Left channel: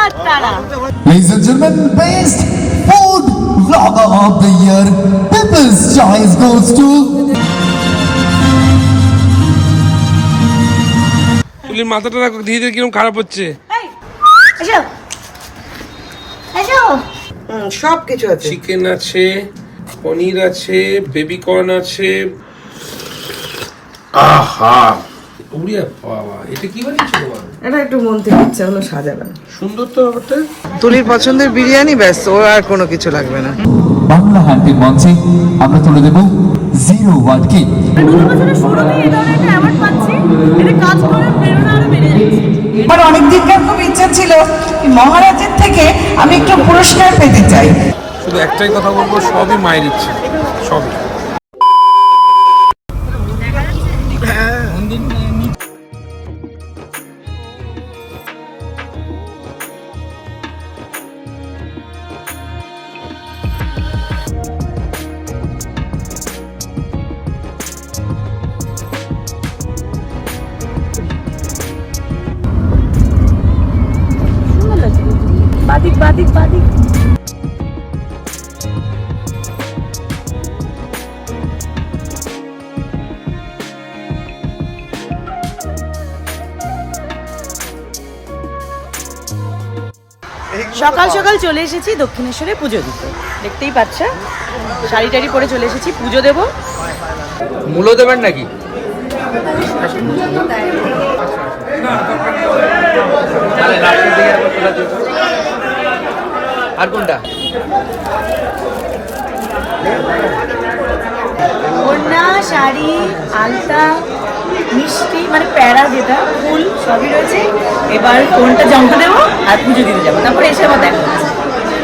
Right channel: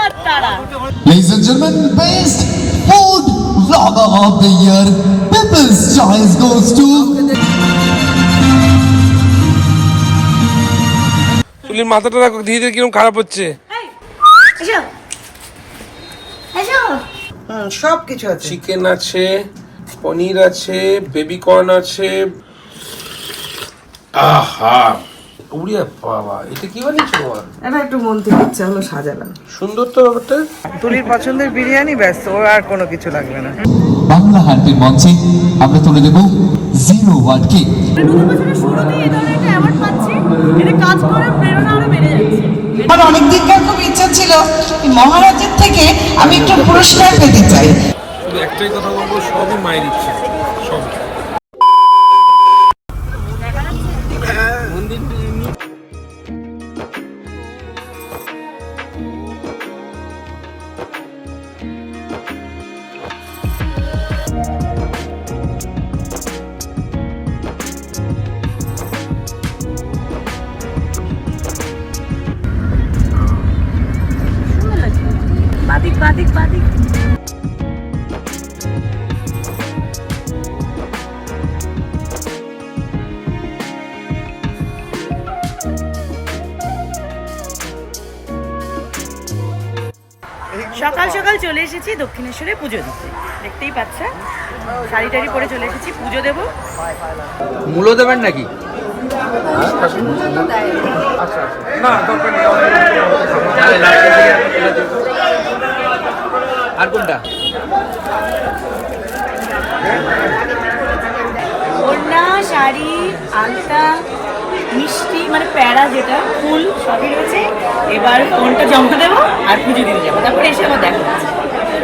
Ladies and gentlemen, best food vlogger of the year, People's Choice goes to তুলির মাথাটা রাখো, ধীরে ধীরে কিরকম খারাপ হচ্ছে। সব কিছু আছে, চিকেন আছে, পনির আছে, বেবি কর্ন আছে। আহা উড়িয়া বাবা, এটা কি বানিয়েছো বাবা? এটা একটু মন থেকে ইচ্ছা হলো সাজালাম। সুন্দর তো ব্যাপারটা। তুলির পছন্দের বিরিয়ানি, ব্যাস, ওর আর কোনো কিছু লাগবে না। বাংলা হান্টের মঞ্চে আমরা তুলে দেব 0 ওয়ার্ডকে। আমার অনেক দিনকার খুব ইচ্ছা ছিল মহারাজের থেকে আমি একটু পুরস্কার পেতে চাই। শুধু একটাই কথা বলবো, সবই মায়ের ইচ্ছে, সবই। সকাল সকাল চলে এসেছি দক্ষিণেশ্বরে পুজো দিতে, দেখতেই পাচ্ছ, শাড়ি টাড়ি পরে চলে এসেছি, পুজো দেবো। মূলো দেবেন নাকি? আর কোনটা? ওড়না, শাড়ি, আলতা, মিষ্টি, মানে প্যাড়া, যেটা ফুল, সবই রয়েছে। এবার ফোনটা জমা দেবো আর পুজো দিতে যাবো, তারপরে এসে আবার দেখা হচ্ছে।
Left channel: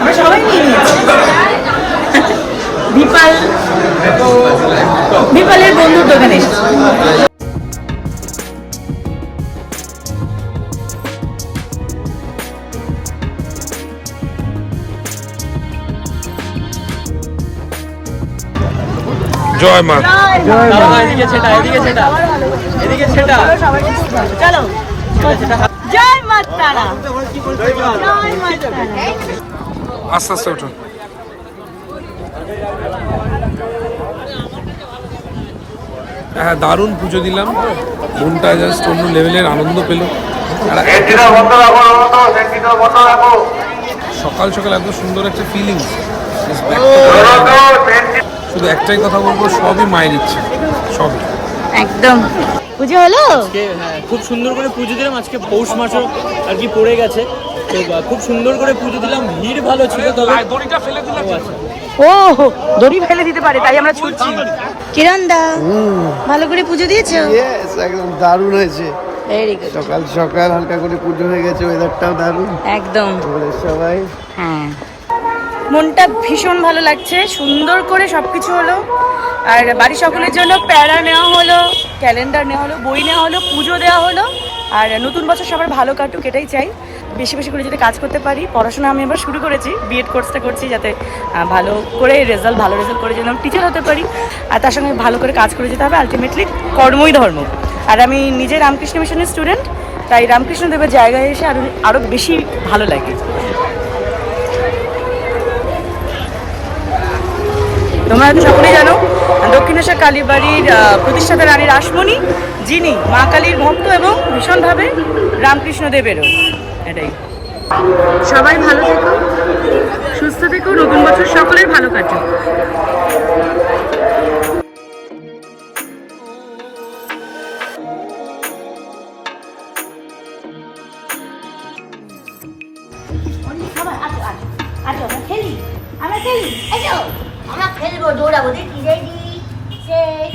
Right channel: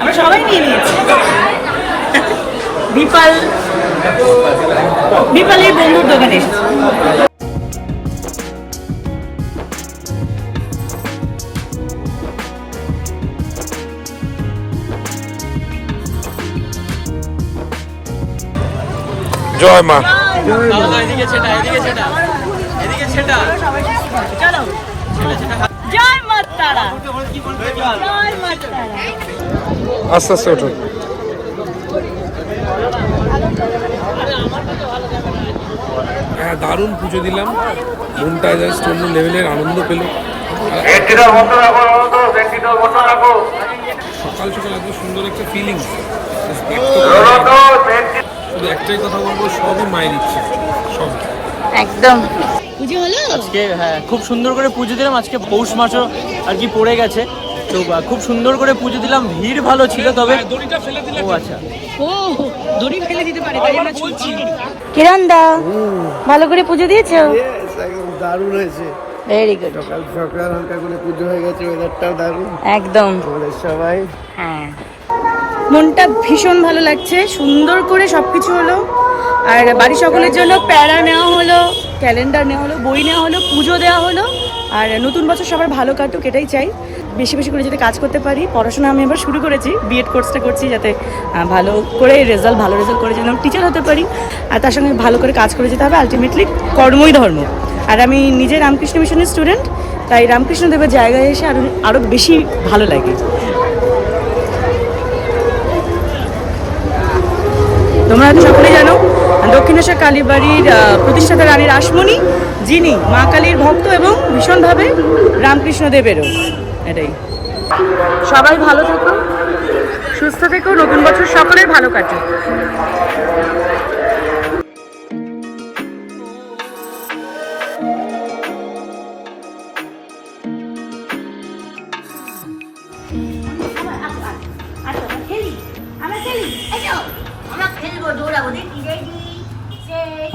আমরা সবাই নিয়ে নিয়েছি। বিপালের বন্ধুর দোকানে এসেছি। জয় মা। জয় মা তারা, জয় মা তারা। আস্তে আস্তে ওঠুন। হ্যাঁ, দারুণ পুজো দিলাম, মনটা জাস্ট অন্য লেভেলের আনন্দ পেল। সকাল সকাল এত সুন্দর একটা ফিলিং, শুধু একটাই কথা বলবো, সবই মায়ের ইচ্ছে, সবই। একদম। পুজো হলো আজকে, হ্যাঁ, খুব সুন্দর করে পুজো দিলাম। আজকে পৌষ মাসও আর কি পড়ে গেছে, তো খুব সুন্দর করে পুজো দিলাম। ভিড় ভালো ছিল, তবে দড়িটা ফেলে দিলে। ও আচ্ছা, ও দড়ি ফেলে দিতে পারে, তাই আমরা ছুটছি। কিরণ দা, ভালো করে পুজো দিয়েছো? একদম দারুণ হয়েছে। Very good. সকাল সকাল হালকা করে পুজো হয়ে গেছে, ওয়েদারটাও দারুণ। একদম। সবাই হ্যাঁ, মনটা ভীষণ ভালো লাগছে, সুন্দর করে সবকিছু হলো। আর বাড়ির সকলের জন্য প্যারা নেওয়া হলো, ক্যালেন্ডার নেওয়া হলো, বই নেওয়া হলো, পুজো দেওয়া হলো। আর নতুন বছর সবার ভালো কাটুক, এটাই চাই। বেশি বেশি করে যাতে কাজ করতে পারি। পড়াশোনা আমি এবার শুরু করেছি, বিএড কোর্সটা করছি, যাতে ভালো করে ভালো রেজাল্ট করে যেন টিচার হতে পারি। আর তার সঙ্গে ভালো করে কাজ করে যেতে হবে। আলটিমেটলি কর্মই ধর্ম। আর আমি নিজে রামকৃষ্ণ মিশনের স্টুডেন্ট, তাই রামকৃষ্ণ দেবের জায়গায় এসে আরও বেশি ভালো লাগে। তোমরা হয়তো সকলেই জানো, দক্ষিণেশ্বর কালীবাড়ির প্রতিষ্ঠাতা রানী রাসমণি, যিনি মা কালীর ভক্ত এবং ভীষণভাবে রামকৃষ্ণ দেবেরও। এটাই। সবাই ভালো থেকো, সুস্থ থেকো, নতুন বছর সকলের ভালো কাটুক।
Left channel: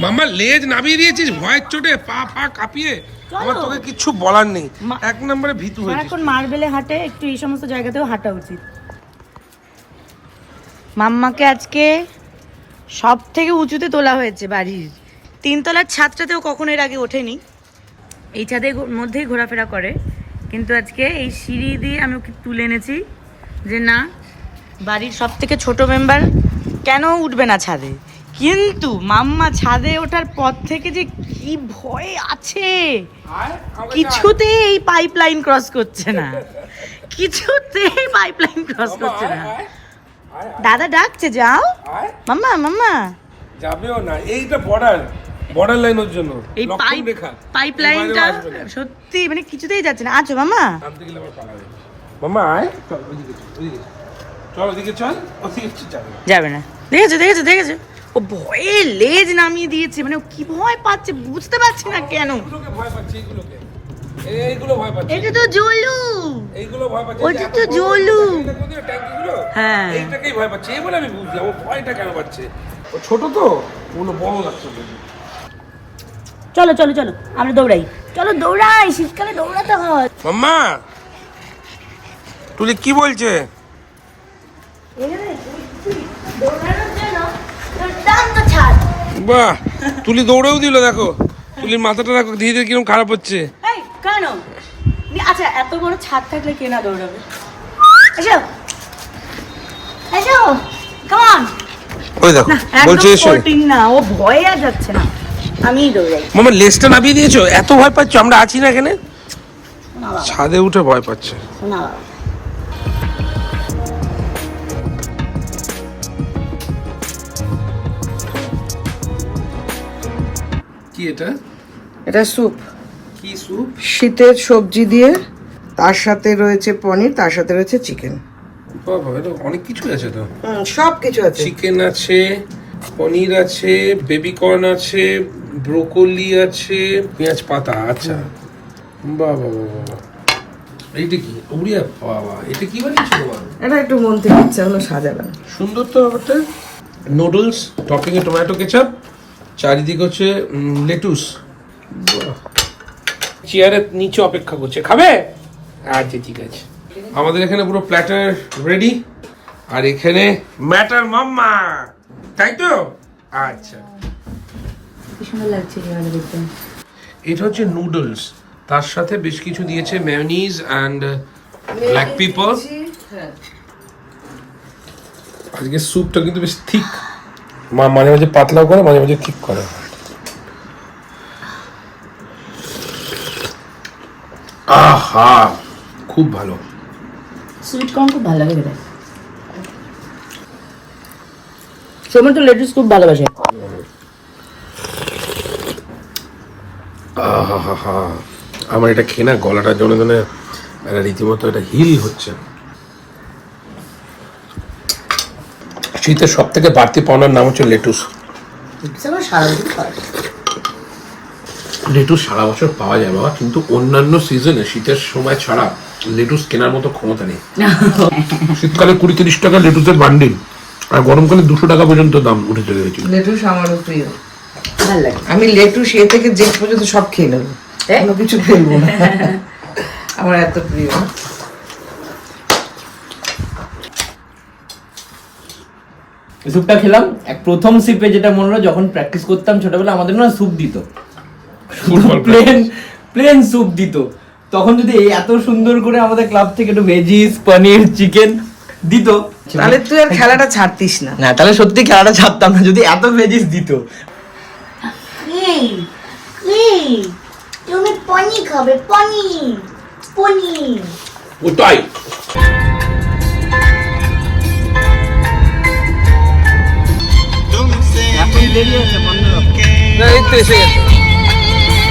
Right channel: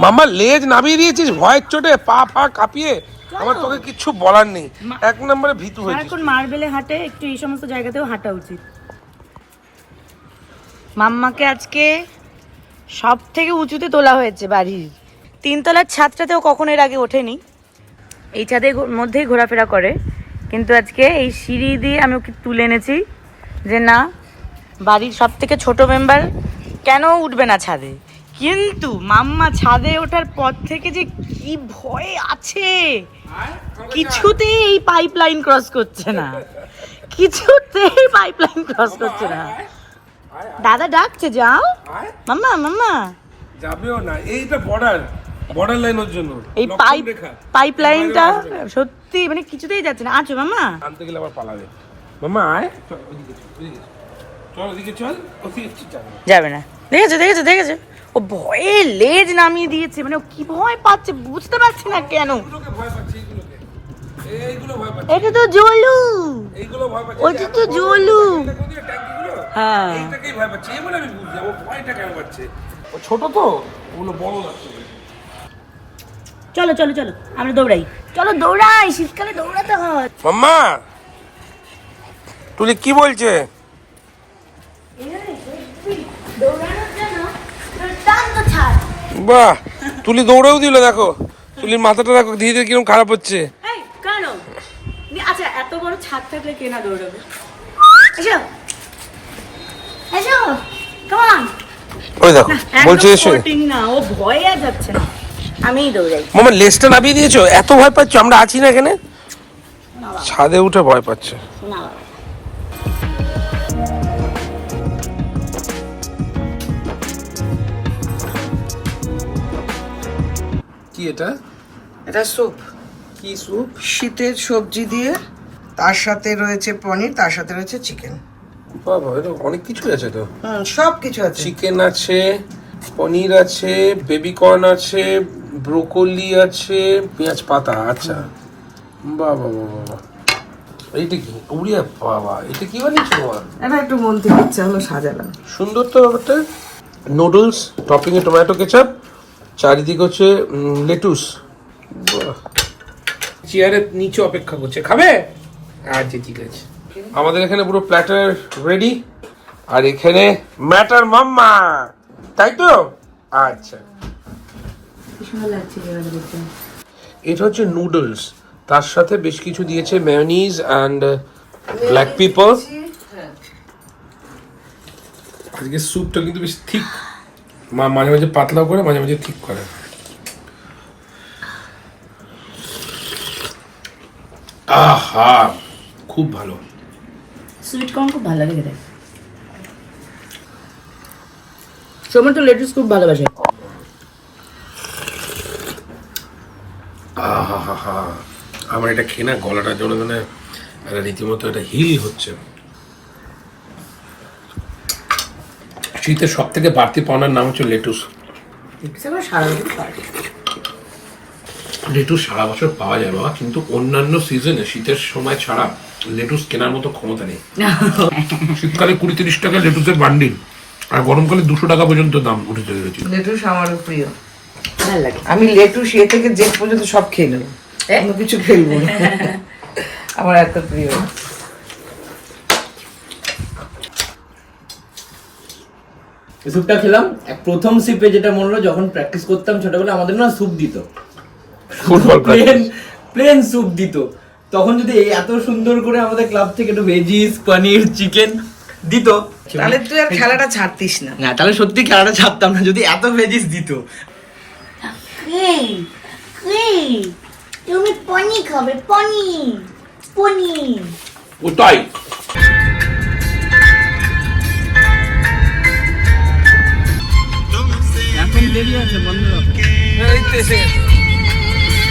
মামা লেজ নামিয়ে দিয়েছিস ভয়ের চোটে, পা পা কাঁপিয়ে। আমার তোকে কিচ্ছু বলার নেই, এক নম্বরে ভীতু হয়েছিস। এখন মার্বেলে হাঁটে, একটু এই সমস্ত জায়গাতেও হাঁটা উচিত। মাম্মাকে আজকে সব থেকে উঁচুতে তোলা হয়েছে বাড়ির 3 তলার ছাদটাতেও কখনো এর আগে ওঠেনি। এই ছাদের মধ্যেই ঘোরাফেরা করে, কিন্তু আজকে এই সিঁড়ি দিয়ে আমি ওকে তুলে এনেছি যে না, বাড়ির সব থেকে ছোট মেম্বার কেন উঠবে না ছাদে। কিন্তু মাম্মা ছাদে ওঠার পর থেকে যে কি ভয় আছে, কিছুতেই এই পাইপ লাইন ক্রস করছে না। কিছুতেই পাইপলাইন ক্রস করছে না। দাদা ডাকছে, যাও মাম্মা মাম্মা। যাবেও না, এইটা বর্ডার লাইন ওর জন্য, এই পাইপলাইনটা সত্যি মানে কিছুতেই যাচ্ছে না। আচ্ছা মাম্মা, আনতে গেলে আবার পালাবে। মাম্মা আয়, চল ওদিকে চল, ওদিকে চল, যাবে না। দেখেছো ও ভয়ে লেজ নামিয়ে দিয়েছে, মানে ও কি ভয় পাচ্ছে বুঝতে পারছি না কেন। ভয় পাচ্ছে এইগুলো ভয় পাচ্ছে। এটা তো জলু, এইগুলো ভয় পাচ্ছে, ওটা তো জলু। ট্যাঙ্কিগুলো হ্যাঁ, এইটাকেই ভয় পাচ্ছে। এই বলে আমি বুঝলাম ও ভয়টা কেন পাচ্ছে। ও ছোট তো, ওগুলো বড় লাগছে। চলো চলো চলো আমরা দৌড়াই, চলো দৌড়াই, শীতকালে দৌড়াতে হয়। মাম্মা তুলি কি বলছে? বাহ, তুলি দৌড়েও দিল, দেখো তুলির মাথাটা দেখো ধীরে ধীরে কিরকম খারাপ হচ্ছে। কেন? আচ্ছা এত বড় ছাদ থাকলে কে না দৌড়াবে? এসো এসো, কাম অন। ওই দেখো বলছে এসে না, ও ভয়ে আর যাচ্ছে না, আমিই দৌড়াই। মামা লেজটা নামিয়ে দিয়েছো, এত ভয় পাচ্ছ? আমরা আছি না এখানে, ছাদে উঠে ভয় পাচ্ছে। না বাবা, কি এটা? এটা স্যুপ, কি স্যুপ? শীতের সবজি দিয়ে, তার সাথে রয়েছে পনির, তার সাথে রয়েছে চিকেন। বাবা, এটা অনেক কিছু আছে তো। সব কিছু আছে। চিকেন আছে, পনির আছে, বেবি কর্ন আছে, ব্রোকলি আছে, পেঁয়াজ পাতা। আচ্ছা, বাবা বাবা, এইটা কি? উড়িয়া বাবা, এটা কি বানিয়েছো বাবা? এটা একটু মন থেকে ইচ্ছা হলো সাজালাম। সুন্দর তো ব্যাপারটা। নুডলস, টপিং এ টমেটো কেচাপ, চারিদিকে হচ্ছে লেটুস। চেয়ারের নিচে অপেক্ষা করছে, খাবে? আচ্ছা ঠিক আছে। আমাদের এখানে পুরো প্ল্যাটার রেডি, আর এখানে ম্যাটার মাম্মা, তাই তো? আচ্ছা, কি সুন্দর লাগছে জায়গাটা দেখতে। এটা হচ্ছে নুডলস, তার সাথে বেশ কিছু দিয়েছে মেয়োনিজ অ্যান্ড ব্ল্যাক পেপার। আজকে স্যুপটা কিন্তু বেশ থিক, মাঝে মাঝে পাতলাও করে, মাঝে মাঝে ঠিক করে। আহা, খুব ভালো। সুইট কর্ন খুব ভালো লাগে খেতে। সোমন তো লেটুস খুব ভালোবাসে। আমার এটা খেয়ে না গলাটার জন্য রীতিমতো এটা হিল হচ্ছে। শীতের সব থেকে বাড়তি পাওনার নাম হচ্ছে লেটুস। লেটুস সারা বছর পাওয়া যায় বাবা, কিন্তু অন্যান্য সিজনে শীতের সময় ছাড়া লেটুস কেনার মতো ক্ষমতা নেই। শীতকালে 20-30 টাকা লেটুসের বান্ডিল, আর গরমকালে 200 টাকা পর্যন্ত দাম উঠে চলে গেছে। লেটুস আমারও প্রিয়, ভালো লাগে। আমি লেটুস এ থেকে যে পর্যন্ত সব খেয়ে নেবো, কোনো কিছু ফেলবো না, আমার এত প্রিয়। স্যুপটা খেলাম, এক প্রথম সিপে যেটা মনে হলো, যখন প্র্যাকটিস করতাম ছোটবেলা আমাদের না স্যুপ দিত, ফুটবল প্লেন স্যুপ দিত। তখন যদি এত সুন্দর করে আমাদের ক্লাব থেকে একটু ভেজিস, পনির, চিকেন দিত, তাহলে তুই আর খেলাটা ছাড়তিস না। হ্যাঁ তাহলে সত্যি খেলাটা ছাড়তাম না, যদি এত ভেজিস দিত। তুমি পনির খাবে? পনির ওটাই এখন দেরি আছে, বন্ধ রাখো।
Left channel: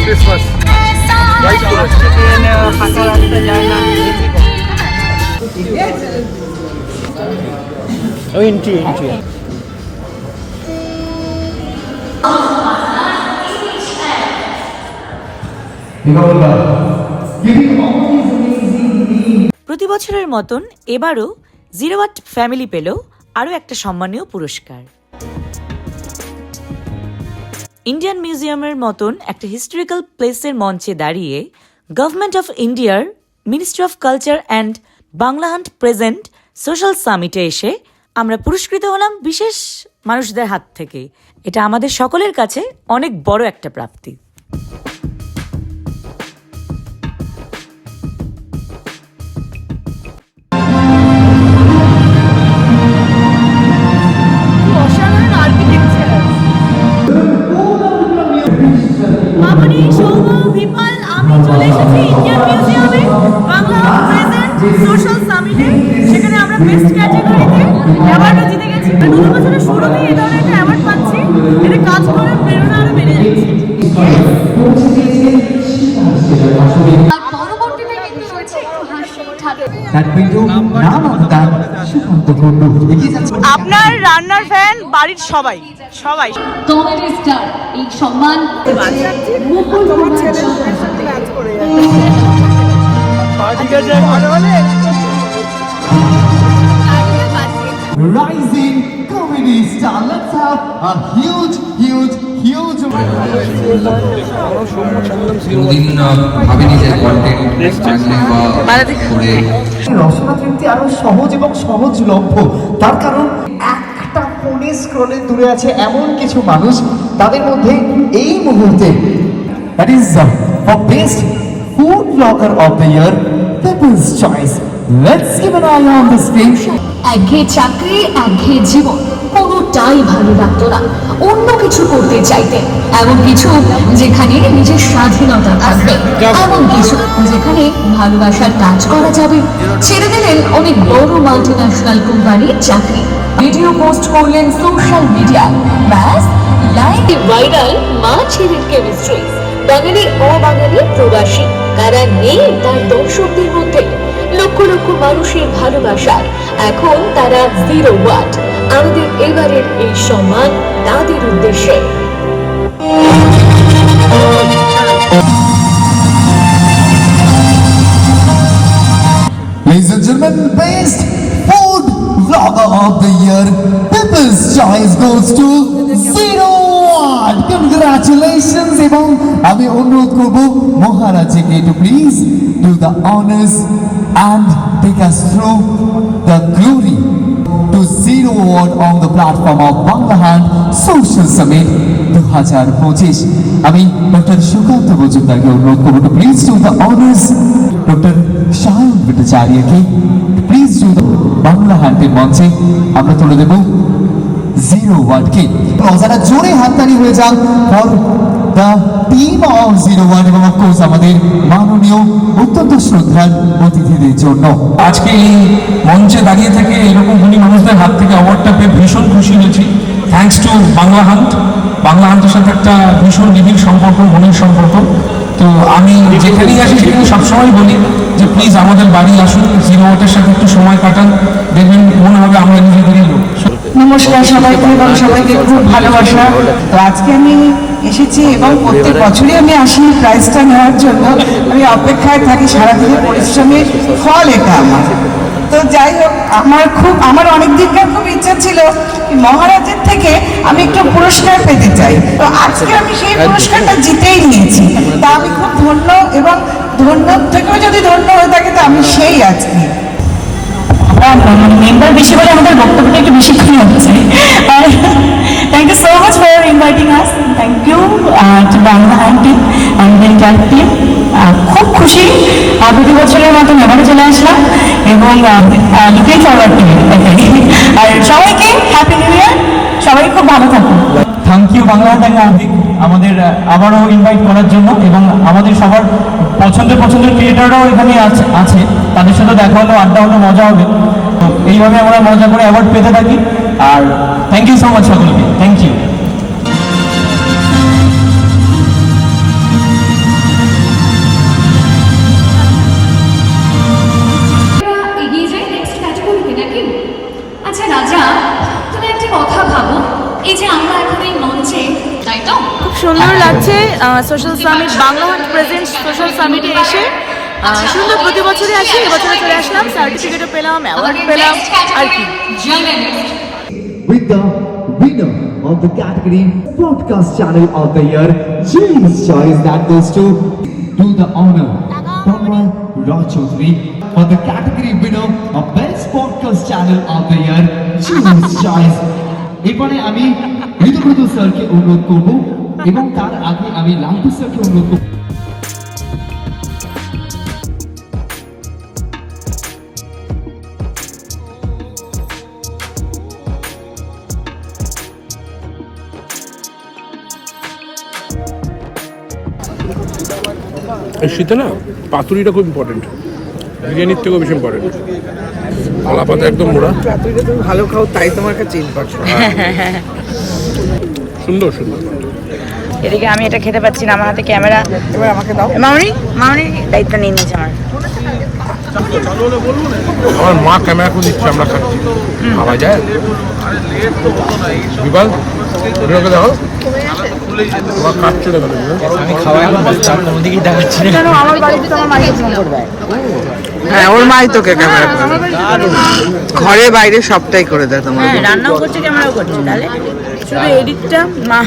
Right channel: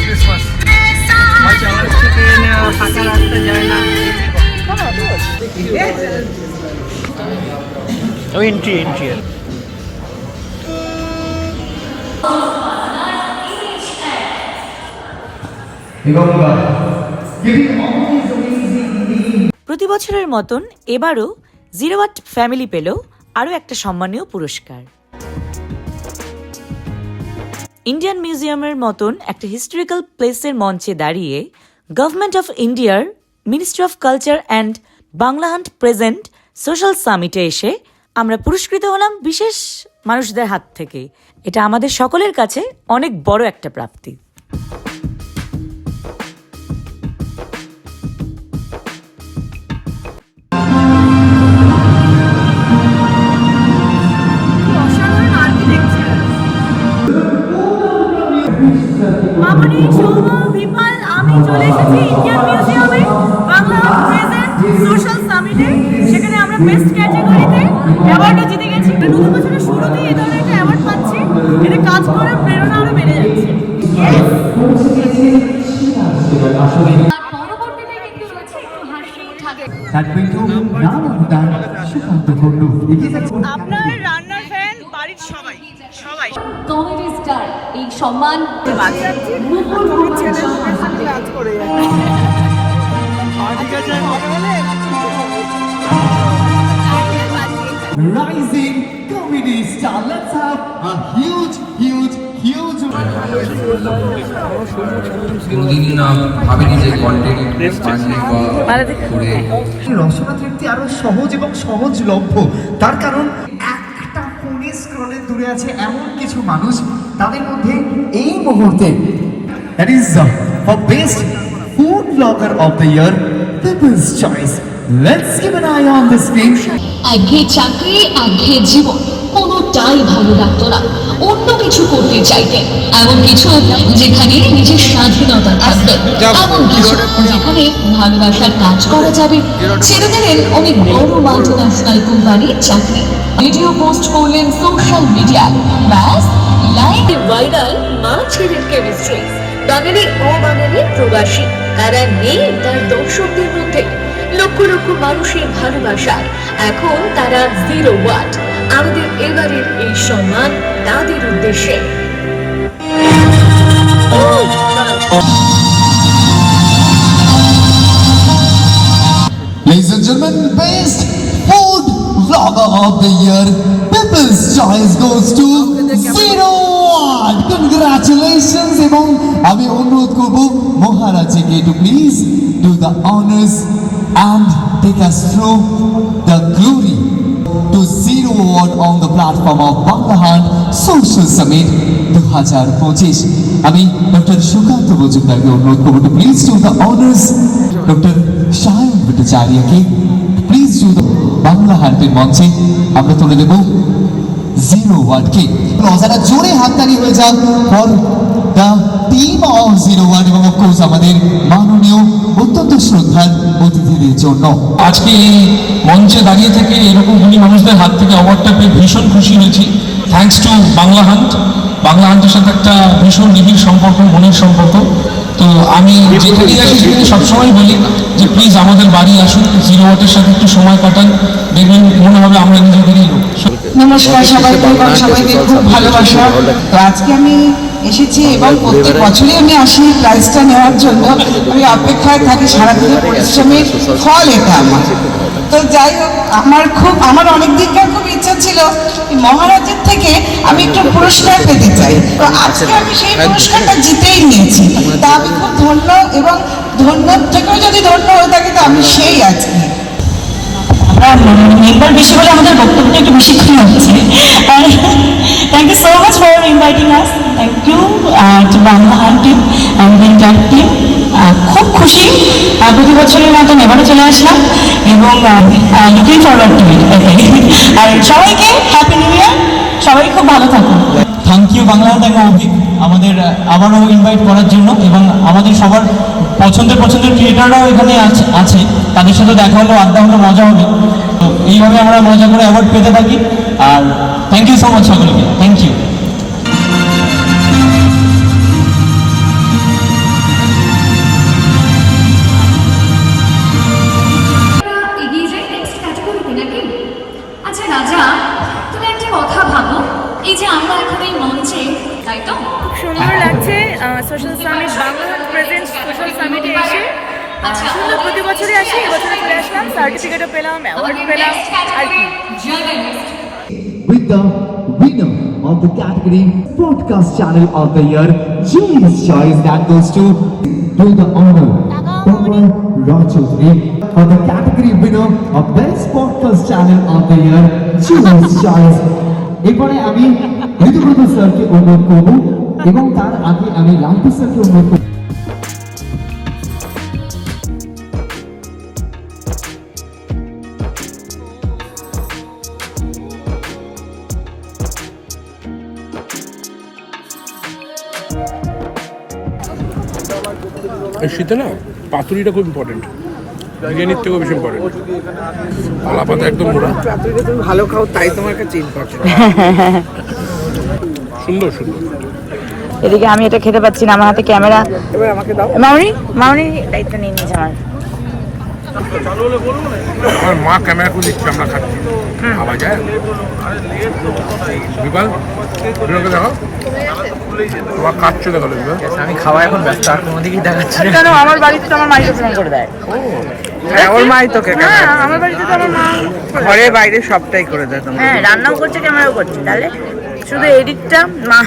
ক্রিসমাস ফাঁকা রাস্তা যায় না। এন্ট্রি প্রতি বছরের মতন এবারও 0 ওয়াট ফ্যামিলি পেল আরও একটা সম্মানীয় পুরস্কার। ইন্ডিয়ান মিউজিয়ামের মতন একটা হিস্টোরিক্যাল প্লেসের মঞ্চে দাঁড়িয়ে গভর্নমেন্ট অফ ইন্ডিয়ার ministry of culture and Bangla Hunt present social সামিটে এসে আমরা পুরস্কৃত হলাম বিশেষ মানুষদের হাত থেকে। এটা আমাদের সকলের কাছে অনেক বড় একটা প্রাপ্তি। মামনি, সৌম, বিপাল, আমি চলে এসেছি ইন্ডিয়ান মিউজিয়ামে বাংলা প্রেজেন্ট সোশ্যাল সামিটে, সেখানে আমরা বেস্ট ক্যাটাগরিতে অ্যাওয়ার্ডও জিতে গেছি। নতুন বছরের শুরুতেই এই ধরনের একটা অ্যাওয়ার্ড পাচ্ছি, এটা কাজ করার প্রেরণা আরো বেড়ে যাচ্ছে। পরবর্তীতে কিন্তু রয়েছে একটু হাসি ঠাট্টা। আপনার রান্নার ফ্যান বাড়ির সবাই সবাই। কমেডি স্টার এই সম্মান তোমার ছেলের মুখের সাথে কাজ করে যাচ্ছে। Rising comedy star. Let's have a huge রসনা তৃপ্তি আরো সহজ এবং সহজলভ্য। তার কারণ একটা ফোনে স্ক্রলে দূরে আছে এমন কিছু মানুষ, তাদের মধ্যে এই মুহূর্তে that is for best food blogger of the year, People's Choice. Let's give an eye on the screen. একঘেয়ে চাকরি, একঘেয়ে জীবন কোনোটাই ভালো লাগতো না। অন্য কিছু করতে চাইতেন, এমন কিছু যেখানে নিজের স্বাধীনতা থাকবে, এমন কিছু যেখানে ভালোবাসার কাজ করা যাবে। ছেড়ে দিলেন অনেক বড় মাল্টিন্যাশনাল কোম্পানির চাকরি, ভিডিও পোস্ট করলেন সোশ্যাল মিডিয়ায়, ব্যাস লাইভ ভাইরাল মা ছেলের কেমিস্ট্রি। বাঙালি অবাঙালি প্রবাসী কারা নেই তার দর্শকদের মধ্যে, লক্ষ লক্ষ মানুষের ভালোবাসায় এখন তারা 0 ওয়াট। আমাদের এবারের এই সম্মান তাদের উদ্দেশ্যে। Ladies and gentlemen, best food vlogger of the year, People's Choice goes to 01. Congratulations! এবং আমি অনুরোধ করব মহারাজকে to please do the honors and take us through the glory to 01 on the platform of Banglahan Social Summit 2025. আমি doctor Sukanta মজুমদারকে অনুরোধ করব to please do the honors, doctor Sayan ভট্টাচার্যকে please do the বাংলাহান্টের মঞ্চে আমরা তুলে দেব 01 কে। যারা জোরে হাততালি হয়ে যান ফর দ্য টিম অফ 01 এবং অফকোর্স আমাদের মাননীয় অত্যন্ত শ্রদ্ধার অতিথিদের জন্য। আজকে এই মঞ্চে দাঁড়িয়ে থেকে এরকম গুণী মানুষদের হাত থেকে অ্যাওয়ার্ডটা পেয়ে ভীষণ খুশি হয়েছি। থ্যাঙ্কস টু বাংলাহান্টের সাথে একটা ভীষণ নিবিড় সম্পর্ক, মনের সম্পর্ক। তো আমি যেখানেই আসি সেখানে সবসময় বলি যে প্লিজ আমাদের বাড়ি আসুন, 01 সাথে একটু সময় কাটান, দেখবেন মনে হবে আমরা নিজেদেরই লোক। নমস্কার সবাইকে এবং সবাইকে খুব ভালোবাসা। তো আজকে আমি এসেছি এবং প্রত্যেক বছরই আমি আসি প্রাইজটা নেওয়ার জন্য। আমি অপেক্ষায় থাকি, সারাদিনের পরিশ্রমের ফল এটা আমার। তো যাই হোক, আমার অনেক দিনকার খুব ইচ্ছা ছিল মহারাজের থেকে আমি একটু পুরস্কার পেতে চাই। তো আজকে আমি সেই পুরস্কারটা জিতেই নিয়েছি। তা আমি খুব ধন্য, এবং ধন্য থেকেও যদি ধন্য হয়ে থাকে তো আমি সেই আজকে। মেম্বার বেশি বলে আমাদের বক্তব্যটা একটু বেশিক্ষণ হচ্ছে। Thank you so much for inviting us. Thank you to Bangla Hunt team and entire team. খুব খুশি, প্রতি বছরের মতন এবারে চলে আসলাম এবং লুকিং ফরওয়ার্ড টু ইট। আর সবাইকে হ্যাপি নিউ ইয়ার, সবাই খুব ভালো থাকুন। থ্যাংক ইউ বাংলাহান্ট এবং অভিক আমাদের আবারও ইনভাইট করার জন্য, এবং আমাদের সবার পছন্দের ক্রিয়েটাররাও এখানে আছে, তাদের সাথে দেখা হলো, আড্ডা হলো, মজা হবে। তো এইভাবে আমরা মজা করে অ্যাওয়ার্ড পেতে থাকি। আর থ্যাংক ইউ সো মাচ সকলকে, থ্যাংক ইউ। এগিয়ে যাই নেক্সট ক্যাটাগরিতে নাকি? আচ্ছা রাজা, তুমি একটা কথা ভাবো, এই যে আমরা এখন এই মঞ্চে, তাই তো খুব সুন্দর লাগছে সোশ্যাল সামিট, বাংলাহান্ট প্রেজেন্ট সোশ্যাল সামিটে এসে। সুন্দর, প্রতি বছরই আসি, এবছরে চলে আসলাম, সার্টিফিকেটও পেলাম, অ্যাওয়ার্ড পেলাম, আর কি। With the winner of the category Podcast Channel of the Year, Jury's Choice, that goes to do the honor, Papa Rajchaudhary. For the category winner of Best Podcast Channel of the Year, Jury's Choice. এরপরে আমি ঋতুব্রত স্যারকে অনুরোধ করব, এবং তার আগে আমি লালটু স্যারকে অনুরোধ করব। এই শীতে না পাতুরিটা খুব ইম্পর্টেন্ট। বিরিয়ানির থেকেও বেশি ইম্পর্টেন্ট। কলা পাতা একদম মোড়া, তুই তো তুমি ভালো খাও তাই তোমার কাছে ইম্পর্টেন্ট। সুন্দর সুন্দর। এদিকে আমি এটা খেতে পাচ্ছি না, আমার হাতে ক্যামেরা। এবার আমাকে দাও। মামনি মামনি দায়িত্ব নিয়ে নিয়েছে আমার। আমার মা ক্যামেরা করে দিচ্ছে, আমরা খাচ্ছি, খাওয়া যায়। বিপাল, বিপালকে দেখো, তোমার কাটছে দেখো বিপাল। আমি খাওয়া এখন ব্যস্ত, আর কোনো দিকেই দেখাচ্ছি না। কেন আমার বাড়িতে তো আমার মা ক্যামেরা করে দেয়। হ্যাঁ ওর মাই তোকে ক্যামেরা হ্যাঁ, আমার বাড়িতে তো আমার মা ঘরে বাইরে সবটাই করে দেয় তোমার। হ্যাঁ রান্নাও করছে ক্যামেরাও করছে, তাহলে শুধু এডিটটা মা,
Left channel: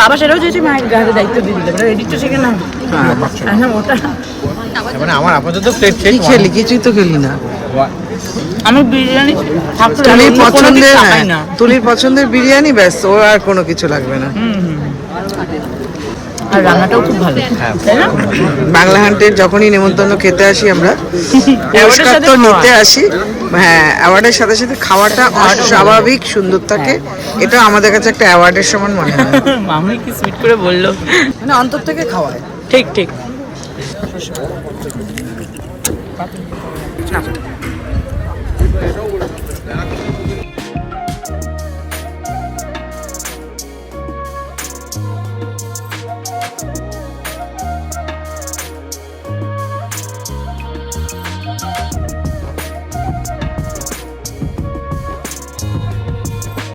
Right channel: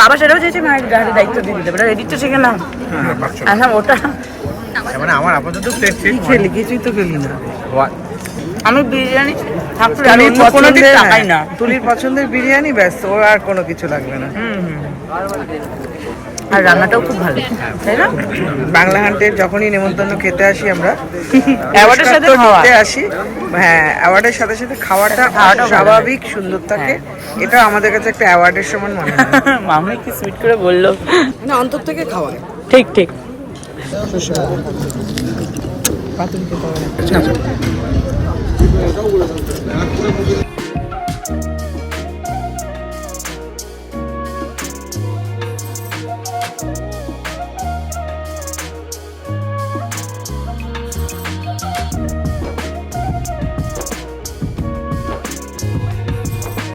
বাবা সেটাও চেয়েছে মায়ের গাড়ি দায়িত্ব দিয়ে দিতে পারে, এডিটটা শিখে না। হ্যাঁ ওটা মানে আমার আপাতত কি খেলি? কিছুই তো খেলি না। আমি বিরিয়ানি থাকলে তুলির অন্য কোনো দিক পছন্দের, তাকাই না। তুলির পছন্দের বিরিয়ানি, ব্যাস, ও আর কোনো কিছু লাগবে না। আর রান্নাটাও খুব ভালো, তাই না? বাংলা হান্টের যখনই নেমন্তন্ন খেতে আসি আমরা, অ্যাওয়ার্ডের পুরস্কার সাথে তো খাওয়া। নিতে আসি। হ্যাঁ, অ্যাওয়ার্ডের সাথে সাথে খাওয়াটা অস্বাভাবিক সুন্দর থাকে। এটা আমাদের কাছে একটা অ্যাওয়ার্ডের সমান মনে হয়। মামনি কি সুইট করে বললো, মানে অন্তর থেকে খাওয়ায়। ঠিক ঠিক।